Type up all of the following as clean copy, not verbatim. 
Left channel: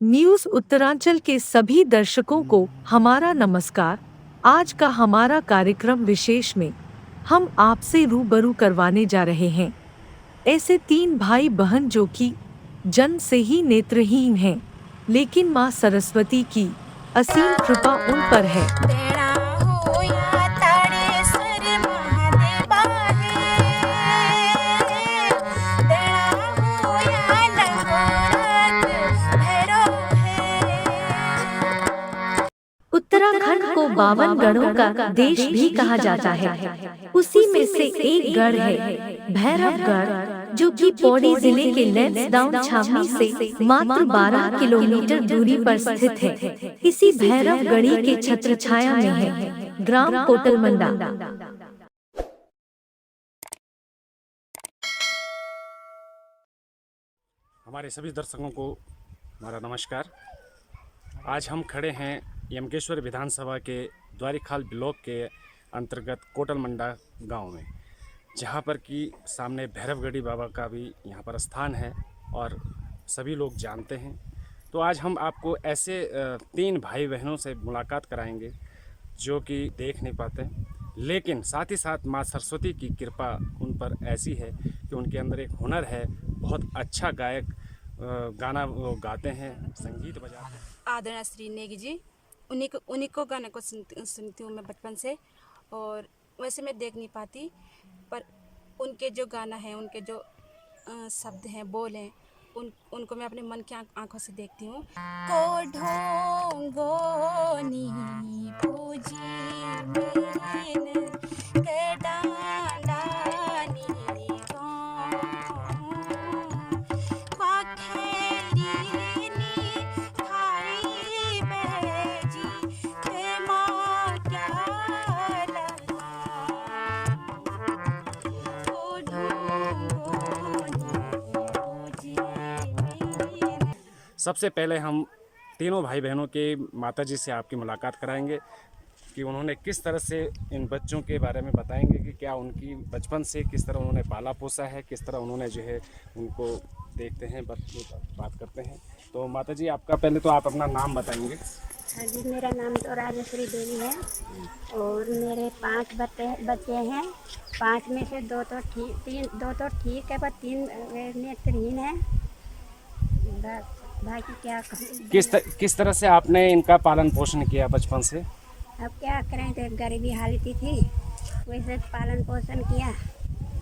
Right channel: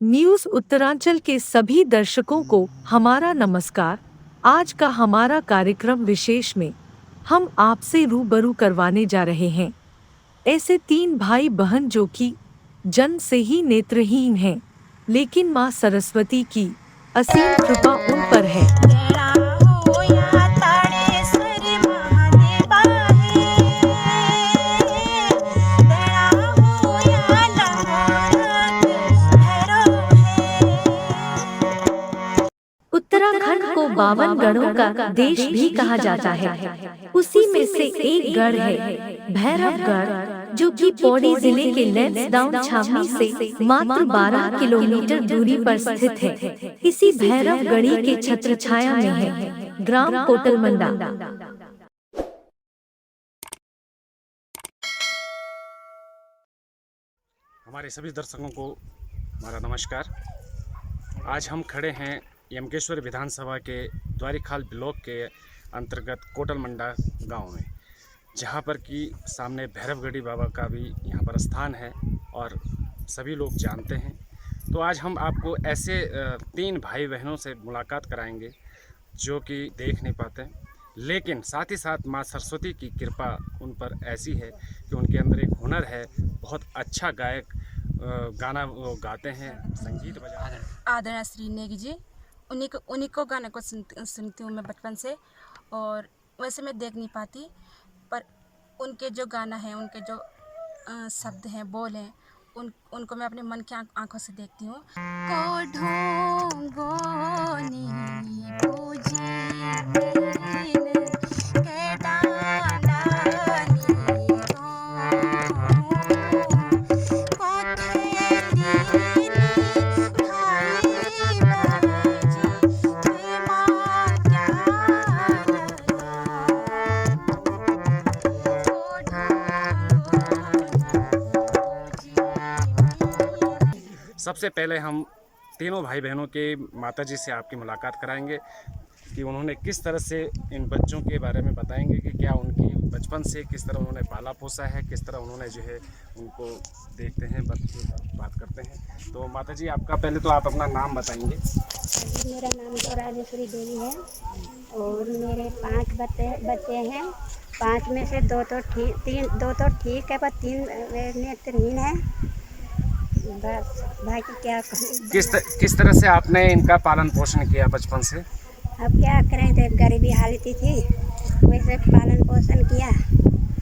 News Uttaranchal के सभी दर्शकों को हमारा नमस्कार। आज का हमारा कार्यक्रम विशेष में हम आपसे रूबरू करवाने जा रहे हैं ऐसे तीन भाई बहन जो कि जन्म से ही नेत्रहीन हैं, लेकिन माँ सरस्वती की असीम कृपा उन पर है। तेरा होया ताड़ेसर महादेवा है, तेरा होया लंगोरत भैरव है। उत्तराखंड को 52 गढ़ों का देश भी कहा जाता है। उसी में से एक गढ़ है भैरवगढ़, जो कि पौड़ी जिले के लैंसडाउन छावनी से मात्र 12 किलोमीटर दूरी पर स्थित है। इसी भैरवगढ़ी के छत्रछाया में है ग्राम कोटलमंडा। हमारे सभी दर्शकों को हमारा नमस्कार। आज हम खड़े हैं यमकेश्वर विधानसभा के द्वारीखाल ब्लॉक के अंतर्गत कोटलमंडा गांव में, जहां पर कि सामने भैरवगढ़ी बाबा का भी यहां पर स्थान है और सभी लोग जानते हैं। तो आज हम आपको ऐसे तीन भाई बहनों से मुलाकात कराएंगे जो कि देख नहीं पाते, लेकिन साथ ही साथ माँ सरस्वती की कृपा उन पर ऐसी है कि उनके अंदर एक हुनर है। बहुत अच्छा गायक गाना वो गाते हैं, संगीत बजाते हैं। आदरणीय श्री नेगी जी, उन्हीं को गाने को सुनती हूँ मैं बचपन से। और वैसे मैं देख नहीं पाती, पर उनके जो गाना है, उनके जो शब्द हैं, बोल हैं, उनको मैं अपने मन की आंखों से देखती हूँ। को ढोंगोनी पूजी मीन के डांडानी सबसे पहले हम तीनों भाई बहनों के माताजी से आपकी मुलाकात कराएंगे कि उन्होंने किस तरह से इन बच्चों के बारे में बताएंगे कि क्या उनकी बचपन से किस तरह उन्होंने पाला पोसा है, किस तरह उन्होंने जो है उनको देखते हैं, बात करते हैं। तो माताजी, आपका पहले तो आप अपना नाम बताएंगे। जी, मेरा नाम तो राजेश्वरी देवी है और मेरे 5 बच्चे हैं। 5 में से दो तो ठीक है, पर 3 नेत्रहीन है। बस भाई की क्या किस तरह से आपने इनका पालन पोषण किया बचपन से? अब क्या करें, तो गरीबी हालत थी, वैसे पालन पोषण किया।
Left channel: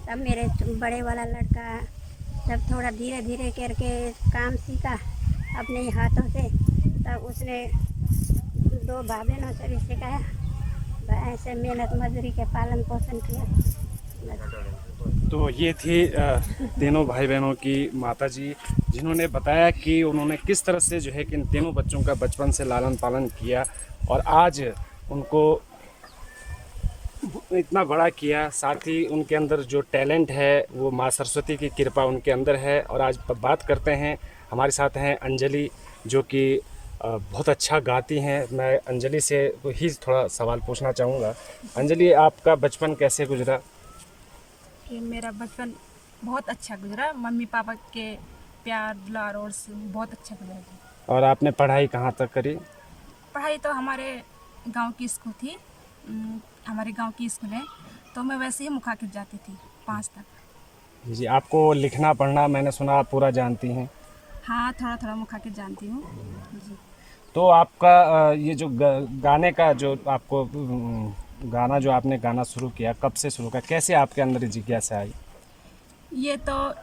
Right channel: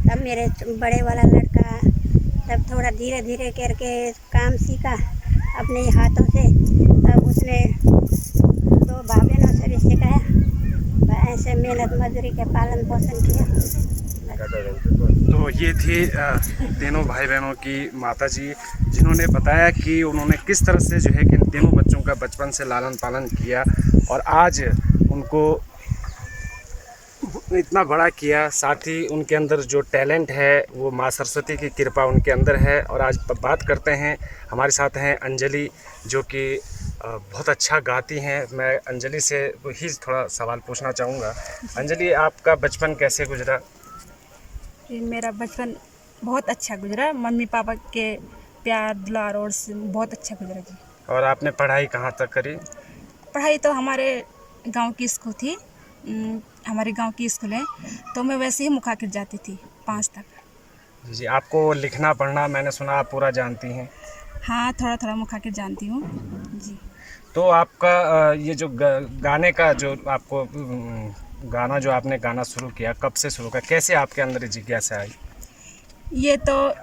तब मेरे बड़े वाला लड़का तब थोड़ा धीरे धीरे करके काम सीखा अपने हाथों से। तब उसने 2 भाई बहनों से भी सिखाया, ऐसे मेहनत मजदूरी के पालन पोषण किया। तो ये थी तीनों भाई बहनों की माताजी, जिन्होंने बताया कि उन्होंने किस तरह से जो है कि इन तीनों बच्चों का बचपन से लालन पालन किया और आज उनको इतना बड़ा किया। साथ ही उनके अंदर जो टैलेंट है वो माँ सरस्वती की कृपा उनके अंदर है। और आज बात करते हैं, हमारे साथ हैं अंजलि, जो कि बहुत अच्छा गाती हैं। मैं अंजलि से ही थोड़ा सवाल पूछना चाहूँगा। अंजलि, आपका बचपन कैसे गुजरा? कि मेरा बचपन बहुत अच्छा गुजरा, मम्मी पापा के प्यार दुलार और से बहुत अच्छा गुजरा जी। और आपने पढ़ाई कहाँ तक करी? पढ़ाई तो हमारे गांव की स्कूल थी, हमारे गांव की स्कूल है, तो मैं वैसे ही मुखाकिर जाती थी 5 तक। जी, आपको लिखना पढ़ना मैंने सुना आप पूरा जानती हैं? हाँ, थोड़ा थोड़ा मुखाकिर जानती हूँ जी। तो आपका ये जो गाने का जो आपको गाना जो आपने गाना शुरू किया, कब से शुरू किया, कैसे आपके अंदर जिज्ञासा आई? ये तो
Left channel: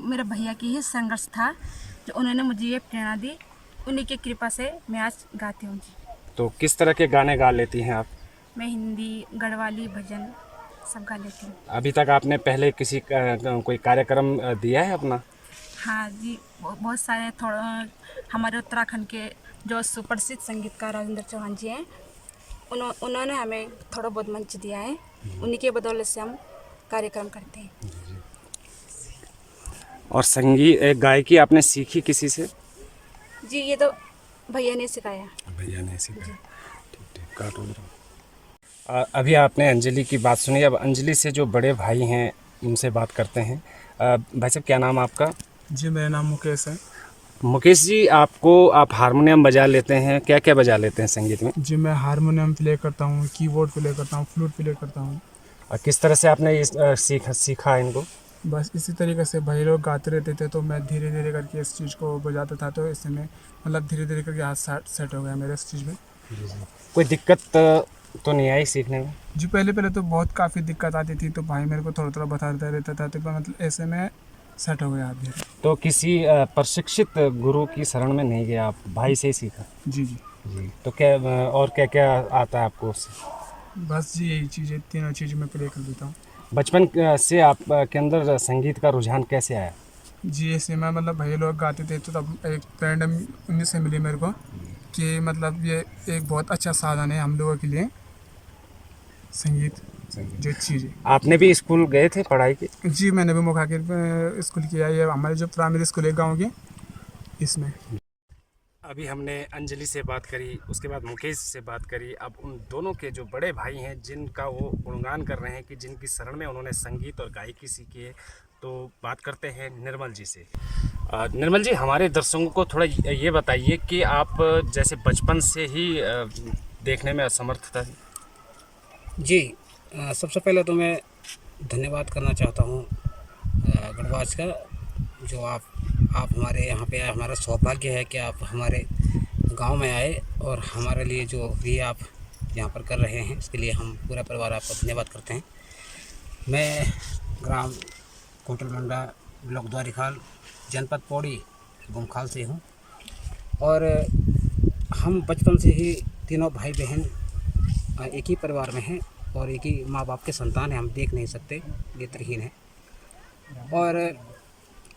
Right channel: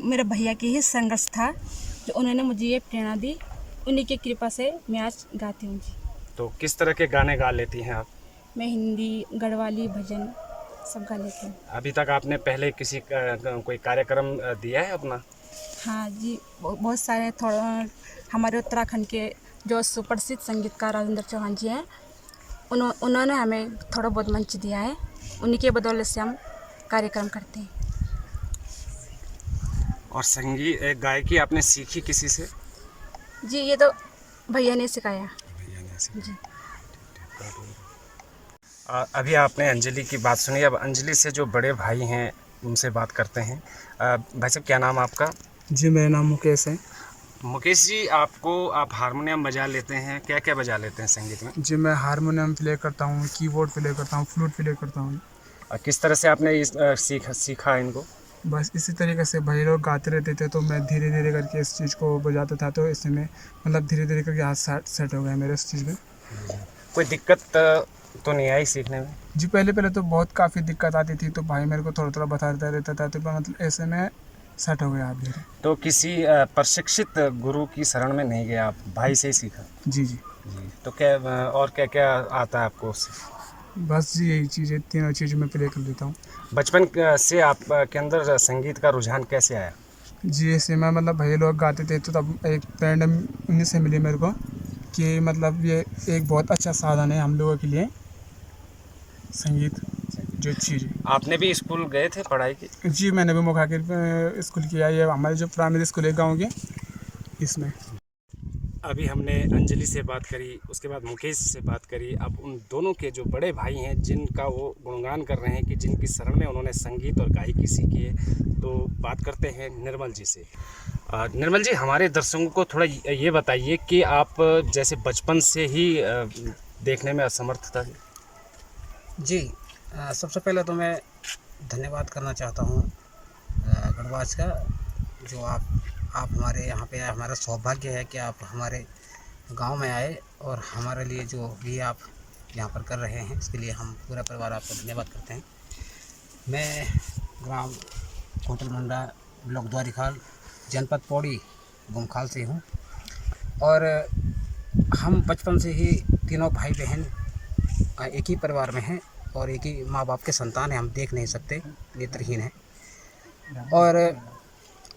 मेरे भैया की ही संघर्ष था, जो उन्होंने मुझे ये प्रेरणा दी। उन्हीं की कृपा से मैं आज गाती हूँ जी। तो किस तरह के गाने गा लेती हैं आप? मैं हिंदी, गढ़वाली, भजन सब गा लेती हूँ। अभी तक आपने पहले किसी कोई कार्यक्रम दिया है अपना? हाँ जी, बहुत सारे। थोड़ा हमारे उत्तराखंड के जो सुप्रसिद्ध संगीतकार राजेंद्र चौहान जी हैं, उन्होंने हमें थोड़ा बहुत मंच दिया है। उन्हीं के बदौलत से हम कार्यक्रम करते हैं। और गायकी आपने सीखी किसी से? जी, ये तो भैया ने सिखाया। भैया ने सिखाया। ठीक। अभी आपने अंजलि की बात सुनी, अब अंजलि से जो बड़े भाई हैं उनसे बात करते हैं। भाई साहब, क्या नाम आपका? जी, मेरा नाम मुकेश है। मुकेश जी, आप हारमोनियम बजा लेते हैं, क्या क्या बजा लेते हैं संगीत में? जी मैं हारमोनियम प्ले करता हूँ, कीबोर्ड प्ले करता हूँ, फ्लूट प्ले करता हूँ। और किस तरह से आपने सीखा इनको? बस इसी तरीके से भाई लोग गाते रहते थे तो मैं धीरे धीरे करके इस चीज़ को बजाता था, तो इससे मैं मतलब धीरे धीरे करके हाथ सेट हो गया मेरे इस चीज़ में। कोई दिक्कत तो नहीं आई सीखने में? जी पहले पहले तो बहुत काफ़ी दिक्कत आती थी, तो भाई मेरे को थोड़ा थोड़ा बताता रहता था, तो मतलब ऐसे में सेट हो गया आप धीरे। तो किसी प्रशिक्षित गुरु की शरण में नहीं गया, आप भाई से ही सीखा? जी जी जी। तो क्या और क्या क्या आता है आपको उससे? बस जी यही चीज़ें, तीनों चीज़ मैं प्ले कर देता हूँ। बचपन से आप के अंदर संगीत का रुझान कैसे आया? जी ऐसे में मतलब भाई लोग गाते थे तो तब एक फ्रेंड उन्हीं से मिली मेरे को कि मतलब ये एक बहुत अच्छा साधन है हम लोगों के लिए, संगीत जो चीज़ है। आपने भी स्कूल गए थे पढ़ाई की? जी मैंने भी मुखाकिर स्कूल किया, ये हमारे जो प्राइमरी स्कूल है गाँव के, इसमें। अभी हमने अंजलि से बात करी, उसके बाद मुकेश से बात करी। अब उन दोनों के जो बड़े भाई हैं जिनका वो गुणगान कर रहे हैं कि जिनकी शरण में उन्होंने संगीत और गायकी सीखी है, तो बात करते हैं निर्मल जी से। निर्मल जी, हमारे दर्शकों को थोड़ा ये बताइए कि आप जैसे बचपन से ही देखने में असमर्थ था। जी सबसे पहले तो मैं धन्यवाद करना चाहता हूँ गढ़वास का, जो आप हमारे यहाँ पे आए। हमारा सौभाग्य है कि आप हमारे गांव में आए और हमारे लिए जो भी आप यहाँ पर कर रहे हैं इसके लिए हम पूरा परिवार आपका धन्यवाद करते हैं। मैं ग्राम कोटल मंडा, ब्लॉक द्वारीखाल, जनपद पौड़ी, गुमखाल से हूँ और हम बचपन से ही तीनों भाई बहन एक ही परिवार में हैं और एक ही माँ बाप के संतान हैं। हम देख नहीं सकते, नेत्रहीन हैं और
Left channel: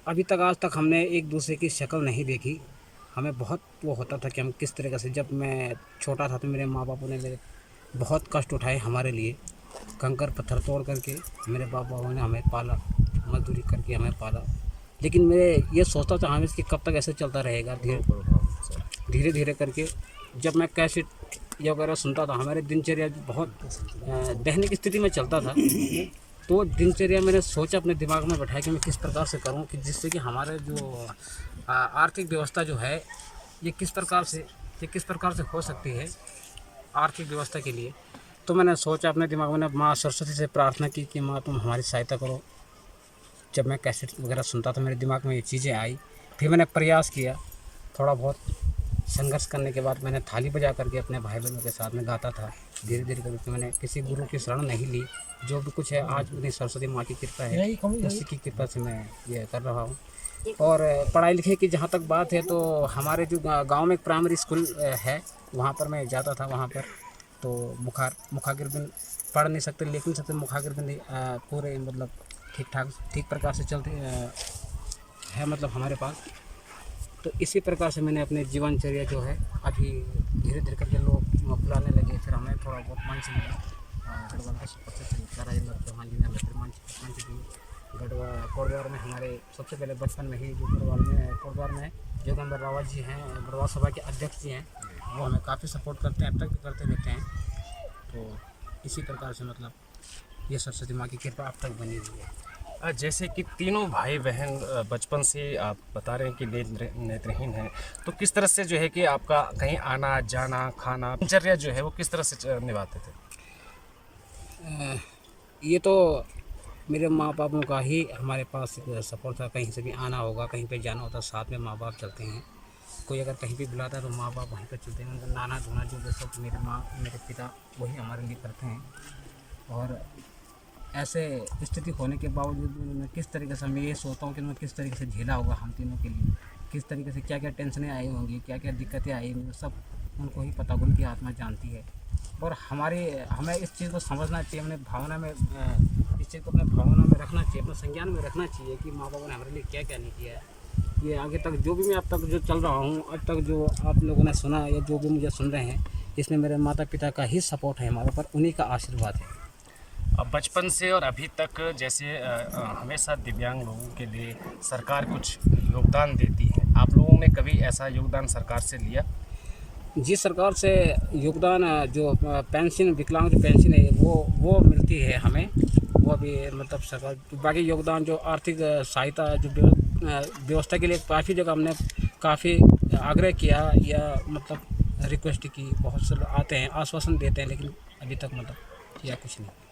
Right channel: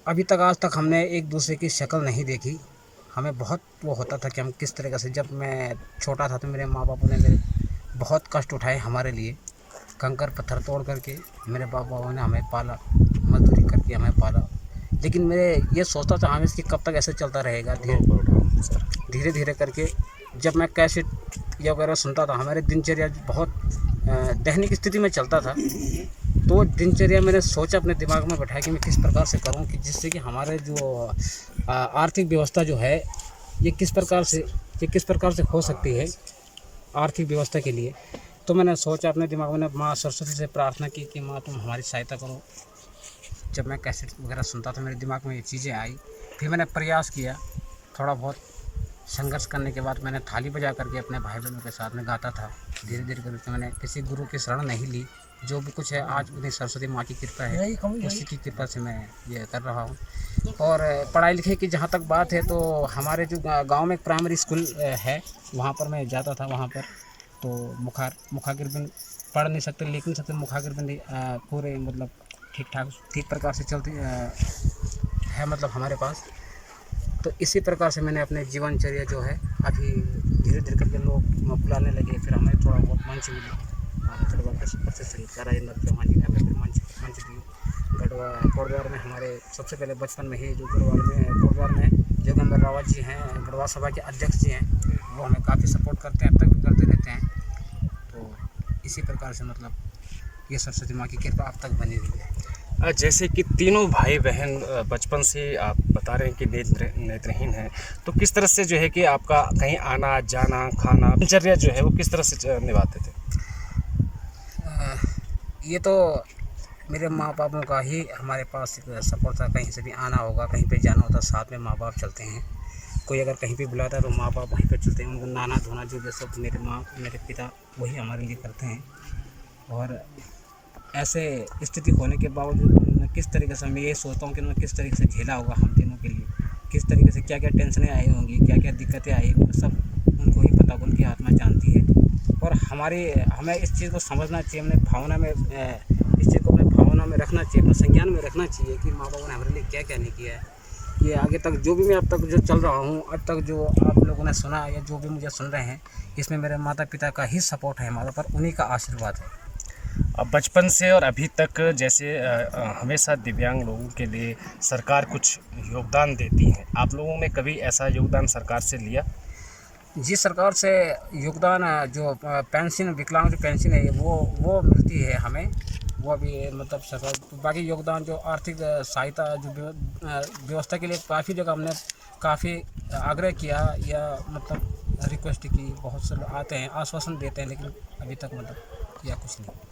अभी तक आज तक हमने एक दूसरे की शक्ल नहीं देखी। हमें बहुत वो होता था कि हम किस तरीके से, जब मैं छोटा था तो मेरे माँ बापों ने मेरे बहुत कष्ट उठाए हमारे लिए, कंकर पत्थर तोड़ करके मेरे बाप बाबू ने हमें पाला, मजदूरी करके हमें पाला। लेकिन मैं ये सोचता था हमें इसकी कब तक ऐसे चलता रहेगा। धीरे धीरे करके जब मैं कैसेट या वगैरह सुनता था, हमारे दिनचर्या बहुत दैनिक स्थिति में चलता था, तो दिनचर्या मैंने सोचा अपने दिमाग में बैठाया कि मैं किस प्रकार से करूं कि जिससे कि हमारे जो आर्थिक व्यवस्था जो है ये किस प्रकार से हो सकती है आर्थिक व्यवस्था के लिए। तो मैंने सोचा अपने दिमाग में, माँ सरस्वती से प्रार्थना की कि माँ तुम हमारी सहायता करो। जब मैं कैसेट वगैरह सुनता था मेरे दिमाग में ये चीज़ें आई, फिर मैंने प्रयास किया, थोड़ा बहुत संघर्ष करने के बाद मैंने थाली बजा करके अपने भाई बहनों के साथ में गाता था। धीरे धीरे करके मैंने किसी गुरु की शरण नहीं ली, जो भी कुछ है आज उन्हें सरस्वती माँ की कृपा है, उसी की कृपा से मैं ये कर रहा हूँ। और पढ़ाई लिखाई की जहाँ तक बात है, तो हमारे जो गांव में एक प्राइमरी स्कूल है, वहाँ पर मैं जाता था। वहाँ पर तो मुखागिर बिन पढ़ नहीं सकते, लिख नहीं सकते, मुखागिर बिन पूरे मतलब ठीक प्रकार से चलती है मतलब हमारे पास। तो इसी प्रकार से मैंने अपने जीवनचर्या जो है अभी धीरे धीरे करके लोग बुलाने लगे, फिर हमें थोड़ा बहुत मंच मिला। राजेंद्र चौहान जी ने हमें मंच दिए। गढ़वा कोटद्वार में हमारे सबसे पहले बचपन में ही जो कोटद्वार में जोगेंद्र रावत जी हैं, गढ़वा सभा के अध्यक्ष जी हैं, वो हमें काफ़ी सपोर्ट करते हैं, अब तक भी करते रहते हैं। तो इसी प्रकार से मतलब ये सरस्वती माँ की कृपा अब तक बनी हुई है। जैसे कि तीनों भाई बहन बचपन से आप बता रहे हैं कि नेत्रहीन हैं, तो किस तरह से जो है कि आपका कहीं आना जाना, खाना, दिनचर्या जो है वो किस तरह से निभाते थे? ये तो मेरे माँ बापों का ही हमारे पास सपोर्ट था। कहीं से भी आना होगा, कहीं पे जाना होता, साथ में माँ बाप चलते हैं। कोई अगर कहीं पे बुलाता है तो माँ बाप वहीं पे चलते हैं। उनको नहाना धोना जो सब मेरे पिता वही हमारे लिए करते हैं। और ऐसे स्थिति होने के बावजूद किस तरीके से मैं ये सोचता हूँ कि मैं किस तरीके से झेला होगा हम तीनों के लिए, किस तरीके से क्या क्या टेंशनें आई होंगी, क्या क्या दिक्कतें आई होंगी, सब उनको ही पता, उनकी आत्मा जानती है। और हमें इस चीज़ को समझना चाहिए, अपने भावना में इस चीज़ को अपने भावना में रखना चाहिए, अपने संज्ञान में रखना चाहिए कि माँ बाबा ने हमारे लिए क्या क्या नहीं किया है। ये आगे तक जो भी मैं अब तक जो चल रहा हूँ, अब तक जो आप लोगों ने सुना या जो भी मुझे सुन रहे हैं, इसमें मेरे माता पिता का ही सपोर्ट है हमारे पर, उन्हीं का आशीर्वाद है। अब बचपन से और अभी तक जैसे हमेशा दिव्यांग लोगों के लिए सरकार कुछ योगदान देती है, आप लोगों ने कभी ऐसा योगदान सरकार से लिया? जी, सरकार से योगदान जो पेंशन, विकलांग जो पेंशन है वो मिलती है हमें, वो भी मतलब सरकार। बाकी योगदान जो आर्थिक सहायता जो व्यवस्था के लिए काफ़ी जगह हमने काफ़ी आग्रह किया या मतलब रिक्वेस्ट की, बहुत से लोग आते हैं आश्वासन देते हैं, लेकिन अभी तक मतलब किया कुछ नहीं।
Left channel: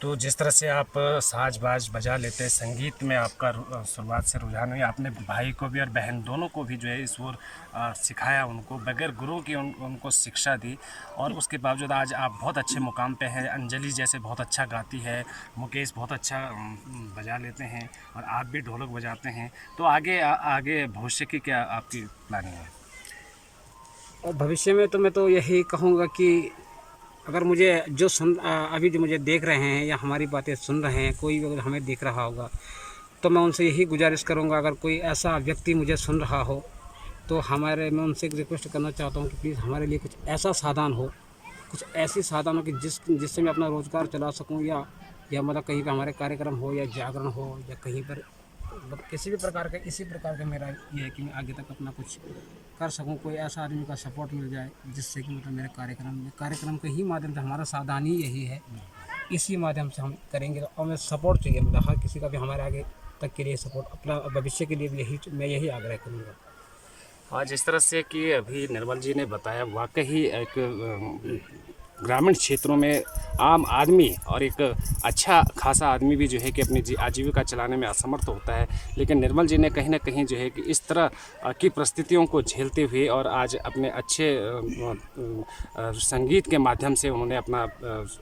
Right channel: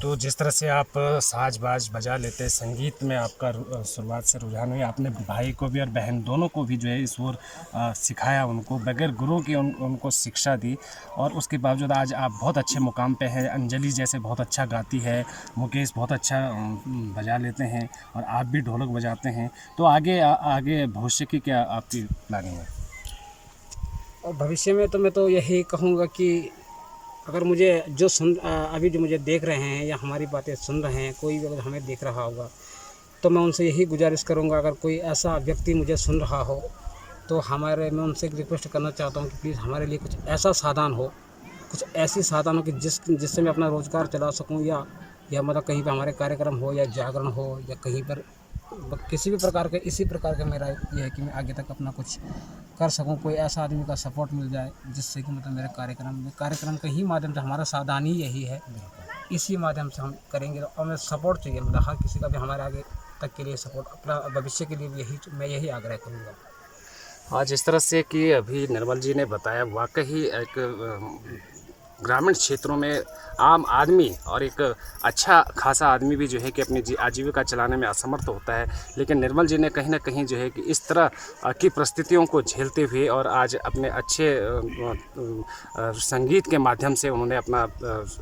तो जिस तरह से आप साज बाज बजा लेते हैं, संगीत में आपका शुरुआत से रुझान हुई, आपने भाई को भी और बहन दोनों को भी जो है इस ओर सिखाया, उनको बगैर गुरु की उनको शिक्षा दी, और उसके बावजूद आज आप बहुत अच्छे मुकाम पे हैं। अंजलि जैसे बहुत अच्छा गाती है, मुकेश बहुत अच्छा बजा लेते हैं, और आप भी ढोलक बजाते हैं। तो आगे भविष्य की क्या आपकी प्लानिंग है? और भविष्य में तो मैं तो यही कहूँगा कि अगर मुझे जो अभी जो मुझे देख रहे हैं या हमारी बातें सुन रहे हैं, कोई भी अगर हमें देख रहा होगा, तो मैं उनसे यही गुजारिश करूंगा, अगर कोई ऐसा व्यक्ति मुझे सुन रहा हो तो मैं उनसे एक रिक्वेस्ट करना चाहता हूं कि प्लीज़ हमारे लिए कुछ ऐसा साधन हो, कुछ ऐसी साधन हो कि जिससे मैं अपना रोज़गार चला सकूं, या मतलब कहीं पर हमारे कार्यक्रम हो या जागरण हो या कहीं पर किसी भी प्रकार के, इसी प्रकार का मेरा ये है कि मैं आगे तक अपना कुछ कर सकूं, कोई ऐसा आदमी का सपोर्ट मिल जाए जिससे कि मतलब मेरे कार्यक्रम के ही माध्यम से, हमारा साधन ही यही है, इसी माध्यम से हम करेंगे। तो हमें सपोर्ट चाहिए, मतलब हर किसी का भी हमारे आगे तक के लिए सपोर्ट, अपना भविष्य के लिए भी मैं यही आग्रह करूँगा। आज इस तरह से कि अभी निर्मल जी ने बताया, वाकई एक ग्रामीण क्षेत्रों में आम आदमी और एक अच्छा खासा आदमी भी जो है कि अपनी आजीविका चलाने में असमर्थ होता है, लेकिन निर्मल जी ने कहीं ना कहीं जो है कि इस तरह की परिस्थितियों को झेलते हुए और आज अपने अच्छे संगीत के माध्यम से उन्होंने अपना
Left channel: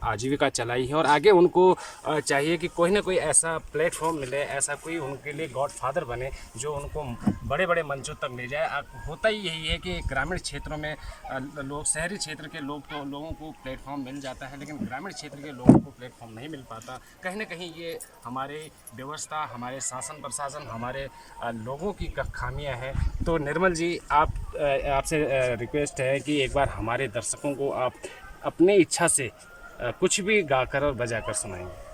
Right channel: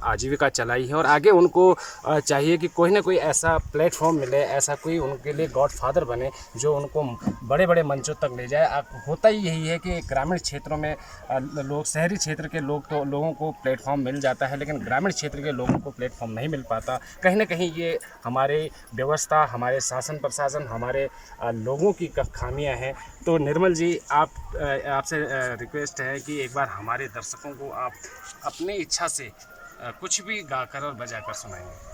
आजीविका चलाई है। और आगे उनको चाहिए कि कोई ना कोई ऐसा प्लेटफॉर्म मिले, ऐसा कोई उनके लिए गॉडफादर बने जो उनको बड़े बड़े मंचों तक ले जाए। होता ही यही है कि ग्रामीण क्षेत्रों में लोग, शहरी क्षेत्र के लोगों को प्लेटफॉर्म मिल जाता है, लेकिन ग्रामीण क्षेत्र के लोगों को प्लेटफॉर्म नहीं मिल पाता। कहीं ना कहीं ये हमारे व्यवस्था, हमारे शासन प्रशासन, हमारे लोगों की खामियां हैं। तो निर्मल जी, आपसे रिक्वेस्ट है कि एक बार हमारे दर्शकों को आप अपनी इच्छा से कुछ भी गाकर और बजाकर सुनाएंगे।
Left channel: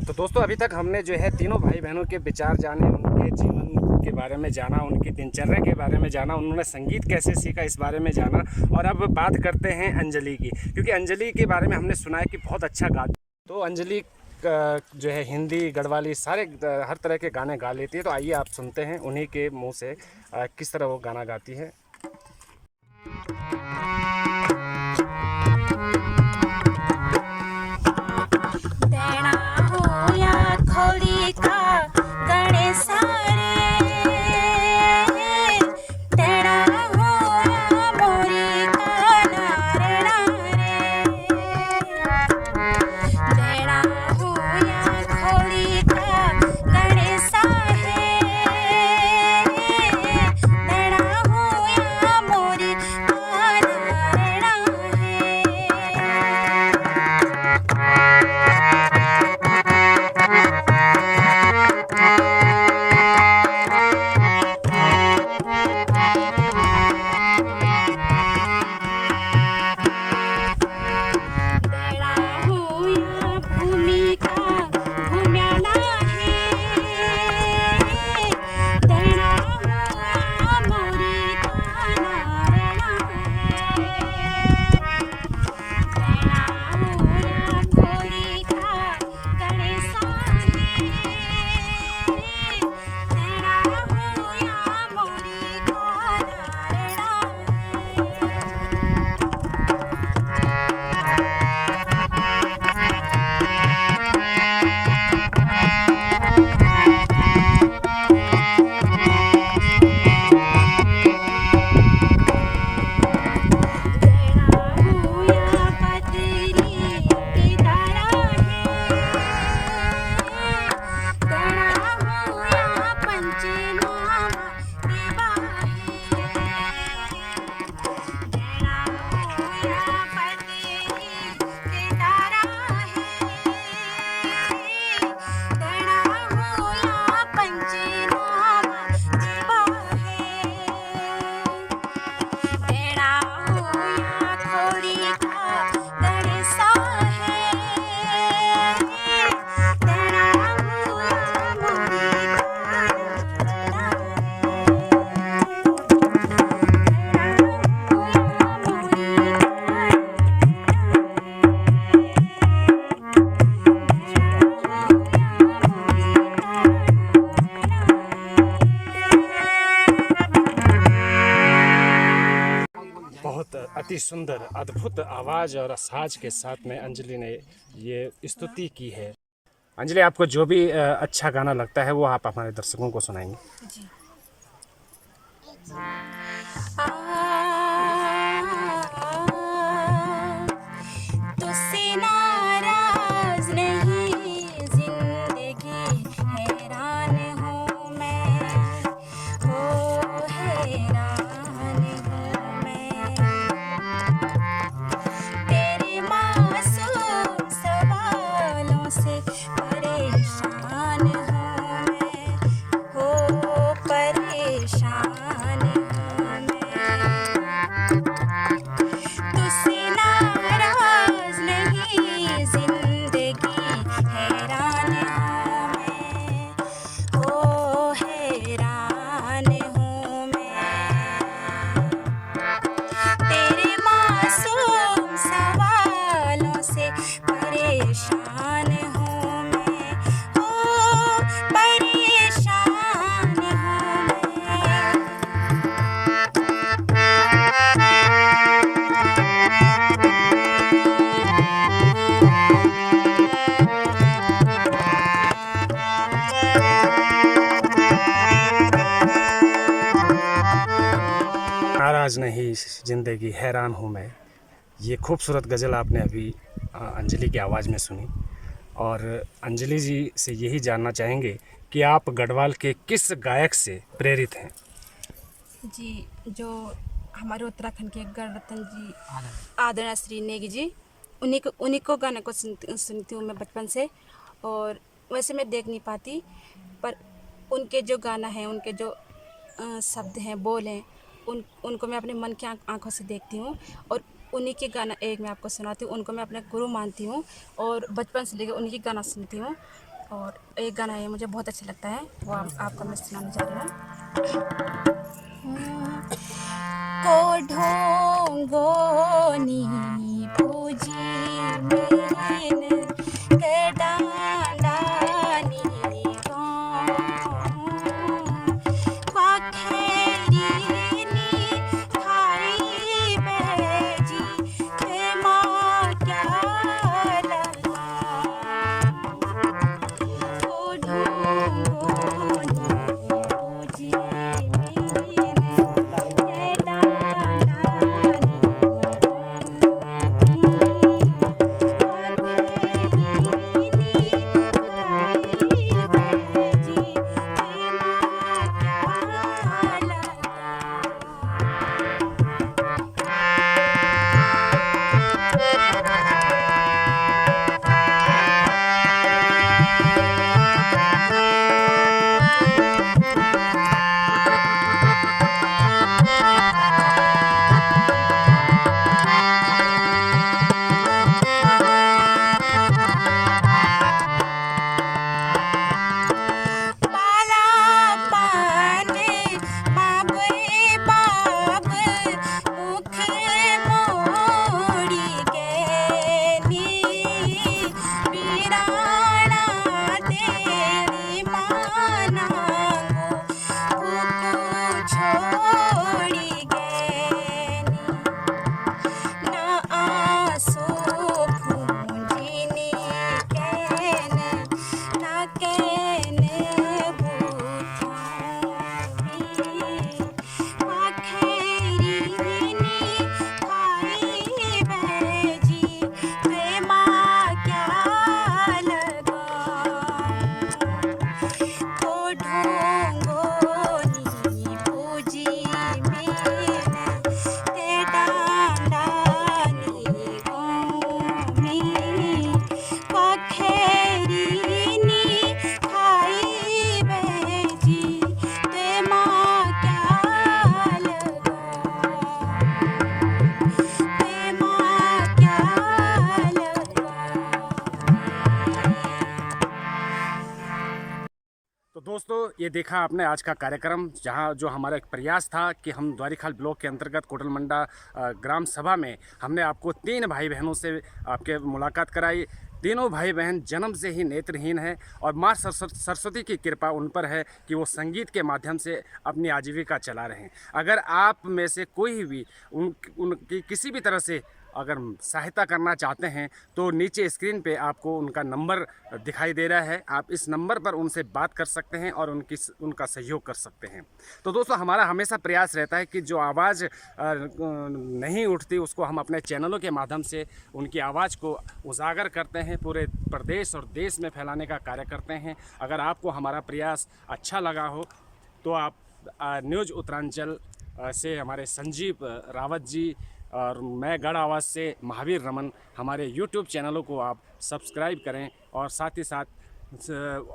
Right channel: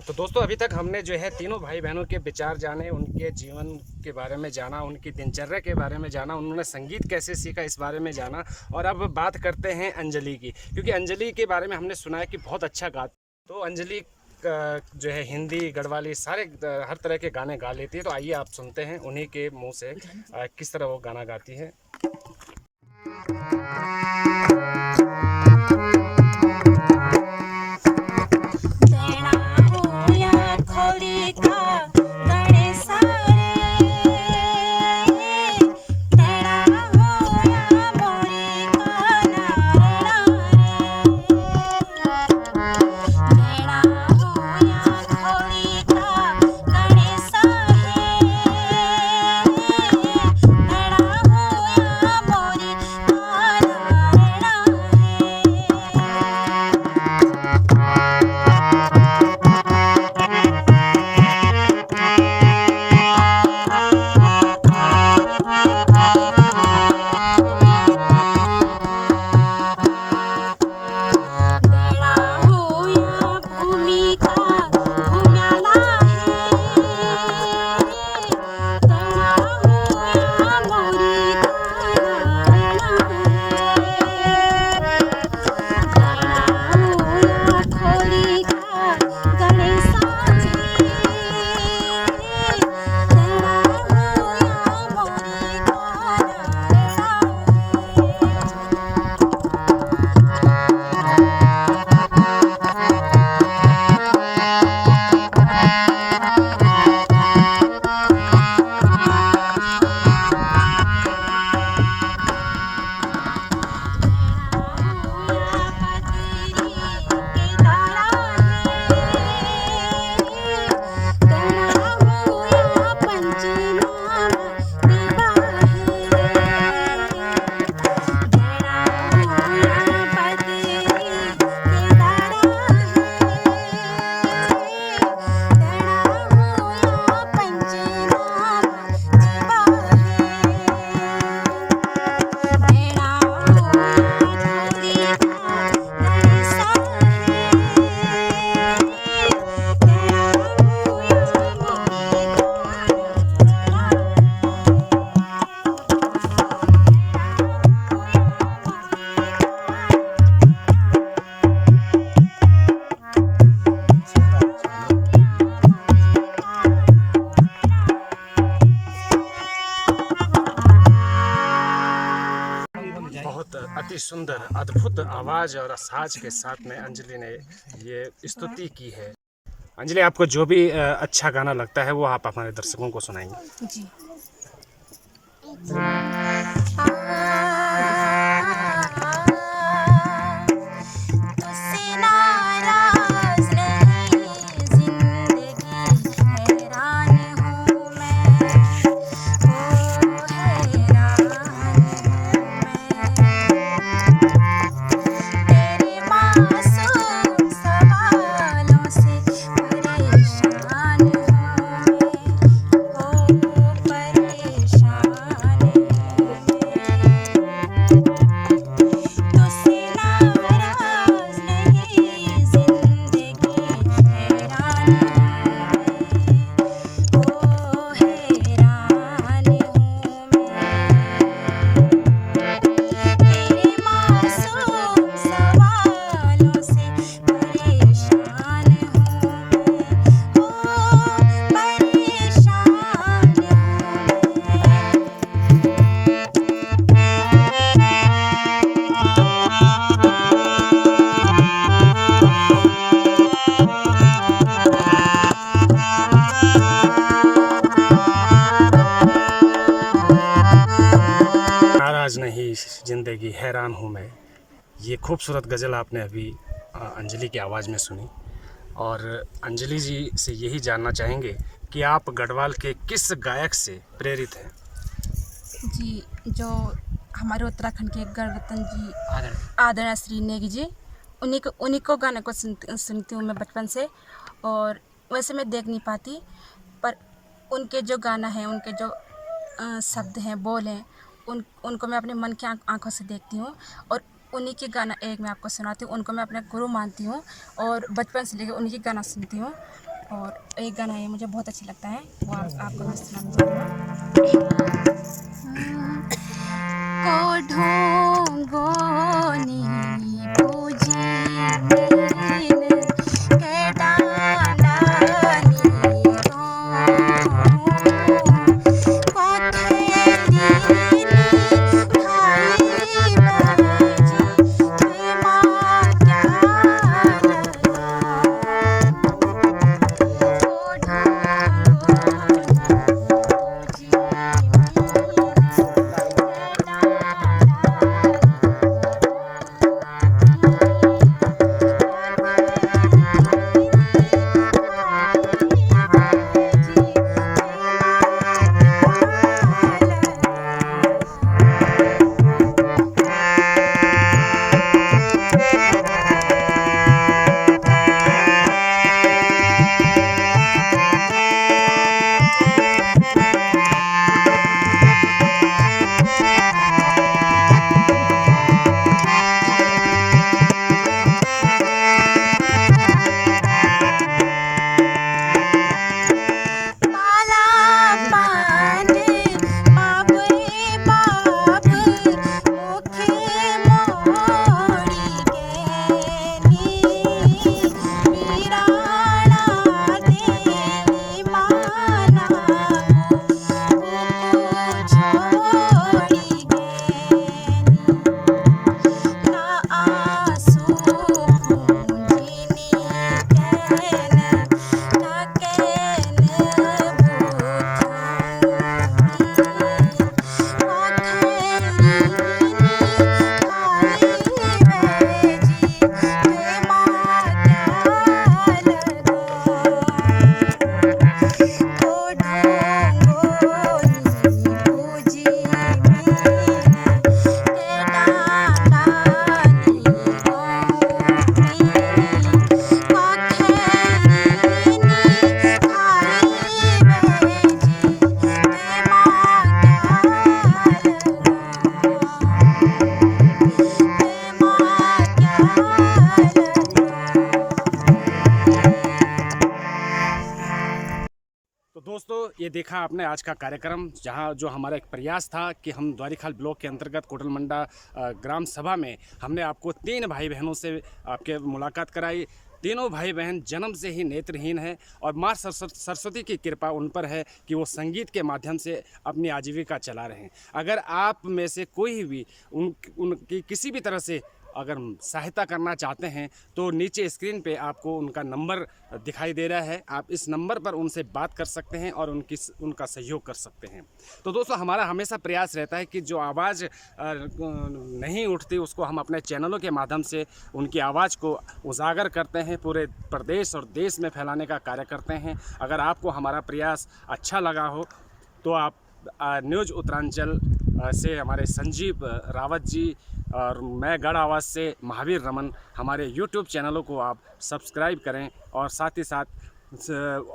तो दोस्तों, अभी तक हमने जो है तीनों भाई बहनों के विचार जाने, उनके जीवन के बारे में जाना, उनकी दिनचर्या के बारे में जाना, उन्होंने संगीत कैसे सीखा इस बारे में जाना। और अब बात करते हैं अंजलि की, क्योंकि अंजलि के बारे में हमने सुना है कि बहुत अच्छा गाती। तो अंजलि जो है हिंदी, गढ़वाली, सारे हर तरह के गाने गा लेती है। तो आइए आप सुनते हैं उन्हीं के मुँह से किस तरह वो गाना गाती है। अति सुंदर अद्भुत आवाज़ और साज के साथ में अंजलि ने ये स्तुति की है। अंजलि, आपको जो भी अच्छा गाना लगता है वो आप हमारे दर्शकों को सुनाएंगे। जी। तुझसे नाराज नहीं, जिंदगी हैरान हूँ मैं, ओ हैरान हूँ मैं, तेरे मासूम सवालों से परेशान हूँ मैं, ओ परेशान हूँ मैं, तुझसे नाराज नहीं, जिंदगी हैरान हूँ मैं, ओ हैरान हूँ मैं, तेरे मासूम सवालों से परेशान हूँ मैं, ओ परेशान हूँ मैं। नाराज नहीं जिंदगी हैरान हूँ मैं, ये खूबसूरत गज़ल आपने अभी अंजलि की आवाज़ में सुनी। और अंजलि जी से यही जानना चाहेंगे कि आप गढ़वाल के किस गायक से प्रेरित हैं। जी, जो हमारे उत्तराखंड के गणरत्न जी आदरणीय श्री नेगी जी, उन्हीं को गाने को सुनती हूँ मैं बचपन से। और वैसे मैं देख नहीं पाती, पर उनके जो गाना है, उनके जो शब्द हैं, बोल हैं, उनको मैं अपने मन की आंखों से देखती हूँ। और उन्हीं के गाना एक मैं आपको सुनाती हूँ। उनको मैं अपने गुरु मानती हूँ और बचपन से लेकर उन्हीं के गाना सुनती हूँ। और एक गाना है मुझे बहुत अच्छा लगता है, वो आपको मैं सुनाने जा रही हूँ। को ढोंगोनी पूजी मीन के डांडानी ये देखा आपने आज का कार्यक्रम, जहां जो हमारा एक प्रयास था कि हम द्वारीखाल ब्लॉक के अंतर्गत कोटलमंडा ग्राम सभा में हमने आपको 3 भाई बहनों से आपके मुलाकात कराई। तीनों भाई बहन जन्म से ही नेत्रहीन है और माँ सरस्वती की कृपा उन पर है कि वो संगीत के माध्यम से अपनी आजीविका चला रहे हैं। अगर आप में से कोई भी उनकी किसी भी तरह से अगर सहायता करना चाहते हैं तो नीचे स्क्रीन पे आपको उनका नंबर दिखाई दे रहा है, आप इस नंबर पर उनसे बात कर सकते हैं और उनका सहयोग कर सकते हैं। तो दोस्तों, हमारा हमेशा प्रयास रहता है कि जो आवाज़ नहीं उठती उसको हम अपने चैनलों के माध्यम से उनकी आवाज़ को उजागर करते हैं, पूरे प्रदेश और देश में फैलाने का कार्य करते हैं। अगर आपको हमारा प्रयास अच्छा लगा हो तो आप न्यूज़ उत्तरांचल से हमारे संजीव रावत जी और मैं गढ़ आवाज़ से महावीर रमन, हमारे YouTube चैनलों को आप सब्सक्राइब करें और साथ ही साथ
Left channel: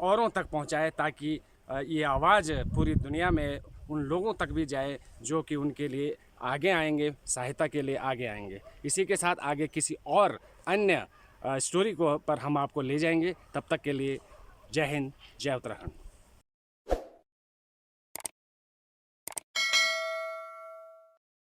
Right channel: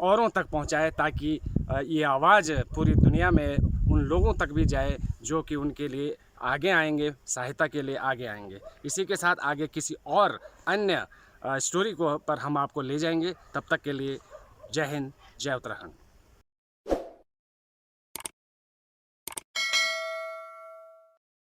औरों तक पहुंचाएं ताकि ये आवाज़ पूरी दुनिया में उन लोगों तक भी जाए जो कि उनके लिए आगे आएंगे, सहायता के लिए आगे आएंगे। इसी के साथ आगे किसी और अन्य स्टोरी को पर हम आपको ले जाएंगे। तब तक के लिए जय हिंद, जय उत्तराखंड।